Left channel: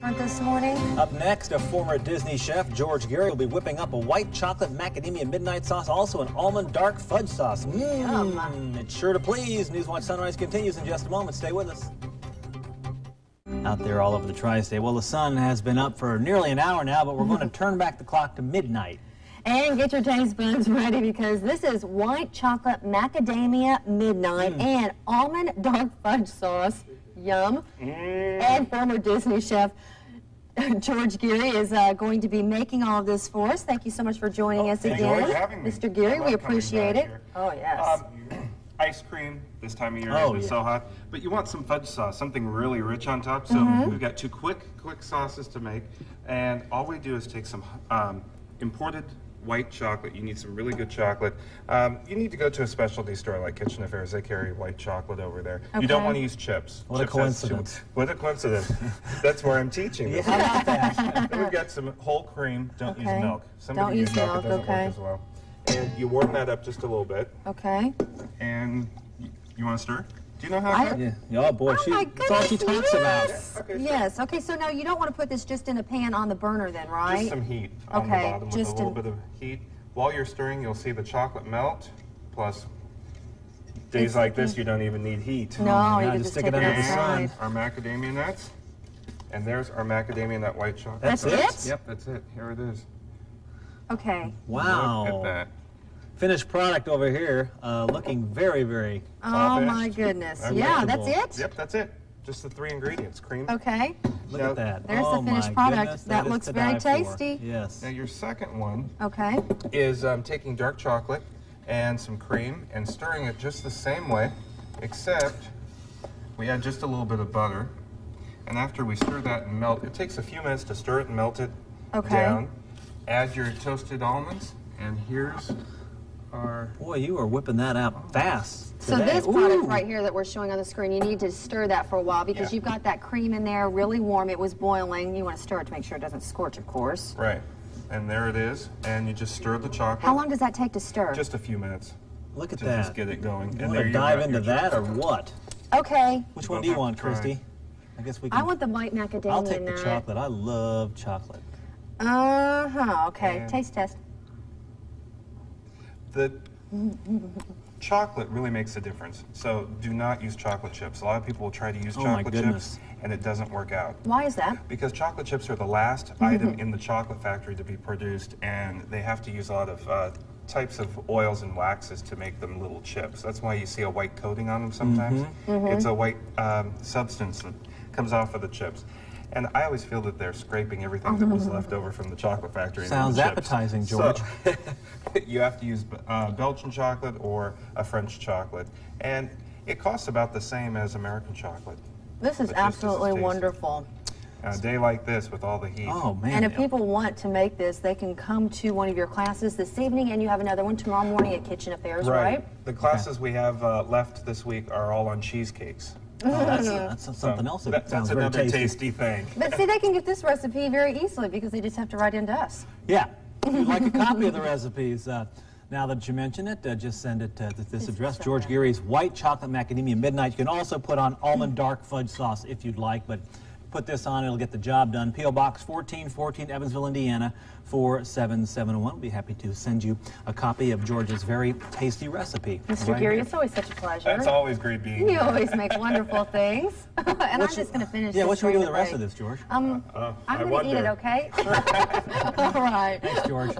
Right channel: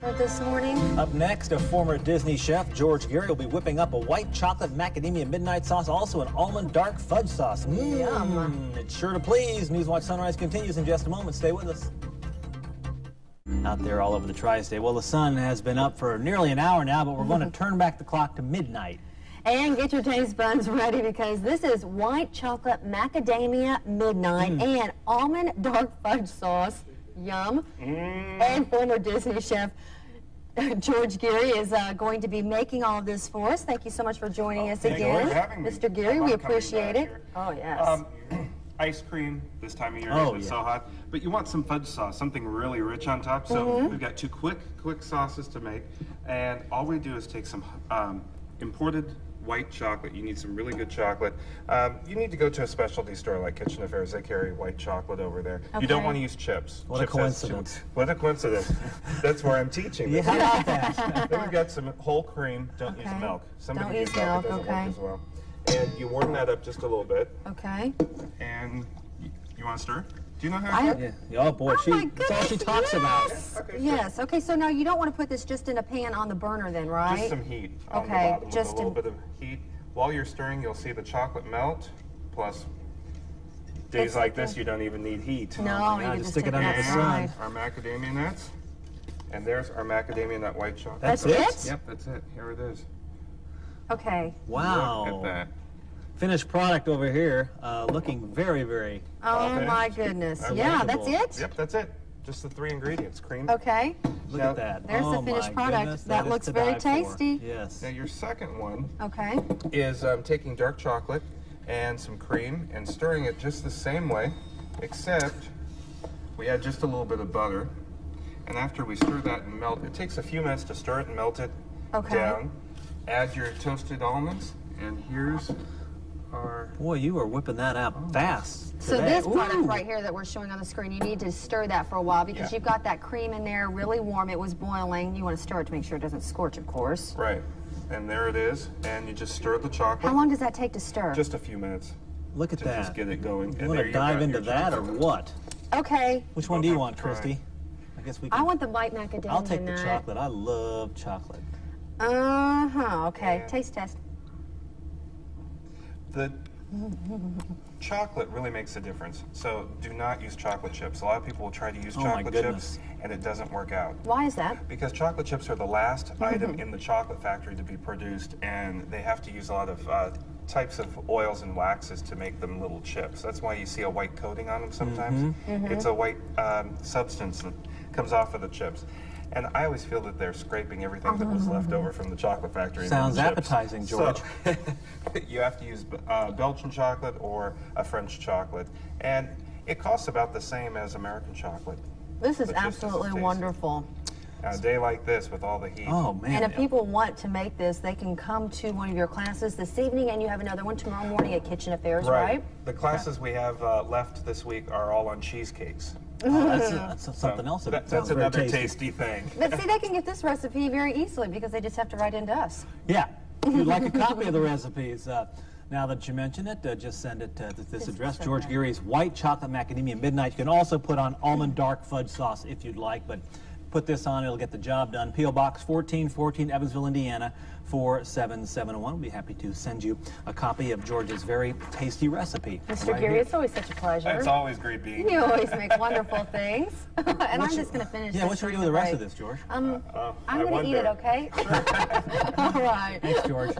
This morning. Up next, a former Disney chef, George Gary, will be whipping up a white chocolate macadamia midnight sauce, also an almond dark fudge sauce. Yum. It's sure to please. Newswatch Sunrise continues in just a moment. Stay with us. Out there all over the tri-state. Well, the sun has been up for nearly an hour now, but we're going to turn back the clock to midnight. And get your taste buds ready because this is white chocolate macadamia midnight and almond dark fudge sauce. Yum. And former Disney chef George Gary is going to be making all of this for us. Thank you so much for joining us again. Thank you for having me. Mr. Gary, we appreciate it. Here. Oh, yes. Ice cream this time of year is so hot, but you want some fudge sauce, something really rich on top. So we've got two quick sauces to make, and all we do is take some imported white chocolate. You need some really good chocolate. You need to go to a specialty store like Kitchen Affairs. They carry white chocolate over there. Okay. You don't want to use chips. What a coincidence. What a coincidence. That's where I'm teaching this. How about that? Then we've got some whole cream. Don't use milk. Don't use milk. It doesn't work as well. And you warm that up just a little bit. Okay. And you want to stir? Do you know how to? Yeah. Oh boy, that's all she talks about. Yeah, okay, yes. Okay. So now you don't want to put this just in a pan on the burner, then, right? Just some heat on the bottom with a little bit of heat. While you're stirring, you'll see the chocolate melt. Plus, days like this, you don't even need heat. No, you can just stick it under the sun. Our macadamia nuts, and there's our macadamia nut white chocolate. That's it? Yep, that's it. Here it is. Okay. Wow. Look at that. Finished product over here, looking very, very. Oh my goodness! Yeah, that's it. Yep, that's it. Just the 3 ingredients: cream. Okay. Look at that. There's the finished product. That looks very tasty. Yes. Now your second one. Okay. Is taking dark chocolate and some cream and stirring it just the same way, except we add just a little bit of butter. And after we stir that and melt, it takes a few minutes to stir it and melt it down. Add your toasted almonds, and here's our... Boy, you are whipping that out fast today. So this product right here that we're showing on the screen, you need to stir that for a while because you've got that cream in there really warm. It was boiling. You want to stir it to make sure it doesn't scorch, of course. Right. And there it is. And you just stir the chocolate. How long does that take to stir? Just a few minutes. Look at to that. Just get it going. You want to dive into that or what? Okay. Which one do you want, Christy? I guess we can... I want the white macadamia I'll take the chocolate. I love chocolate. Okay. Taste test. The chocolate really makes a difference. So do not use chocolate chips. A lot of people will try to use chocolate chips and it doesn't work out. Why is that? Because chocolate chips are the last item in the chocolate factory to be produced, and they have to use a lot of types of oils and waxes to make them little chips. That's why you see a white coating on them sometimes. It's a white substance that comes off of the chips. And I always feel that they're scraping everything that was left over from the chocolate factory. Sounds appetizing, George. So, you have to use Belgian chocolate or a French chocolate. And it costs about the same as American chocolate. This is absolutely wonderful. On a day like this with all the heat. Oh, man. And if people want to make this, they can come to one of your classes this evening, and you have another one tomorrow morning at Kitchen Affairs, right? The classes we have left this week are all on cheesecakes. Oh, that's something else. That's another tasty thing. But see, they can get this recipe very easily because they just have to write into us. Yeah. If you'd like a copy of the recipes, now that you mention it, just send it to this address, George Gary's White Chocolate Macadamia Midnight. You can also put on almond dark fudge sauce if you'd like, but put this on, it'll get the job done. P.O. Box 1414, Evansville, Indiana, 47701. We'll be happy to send you a copy of George's very tasty recipe. Mr. Gary, it's always such a pleasure. It's always great being here. You always make wonderful things. And I'm just going to finish this. Yeah, what should we do with the rest of this, George? I'm going to eat it, okay? All right. Thanks, George.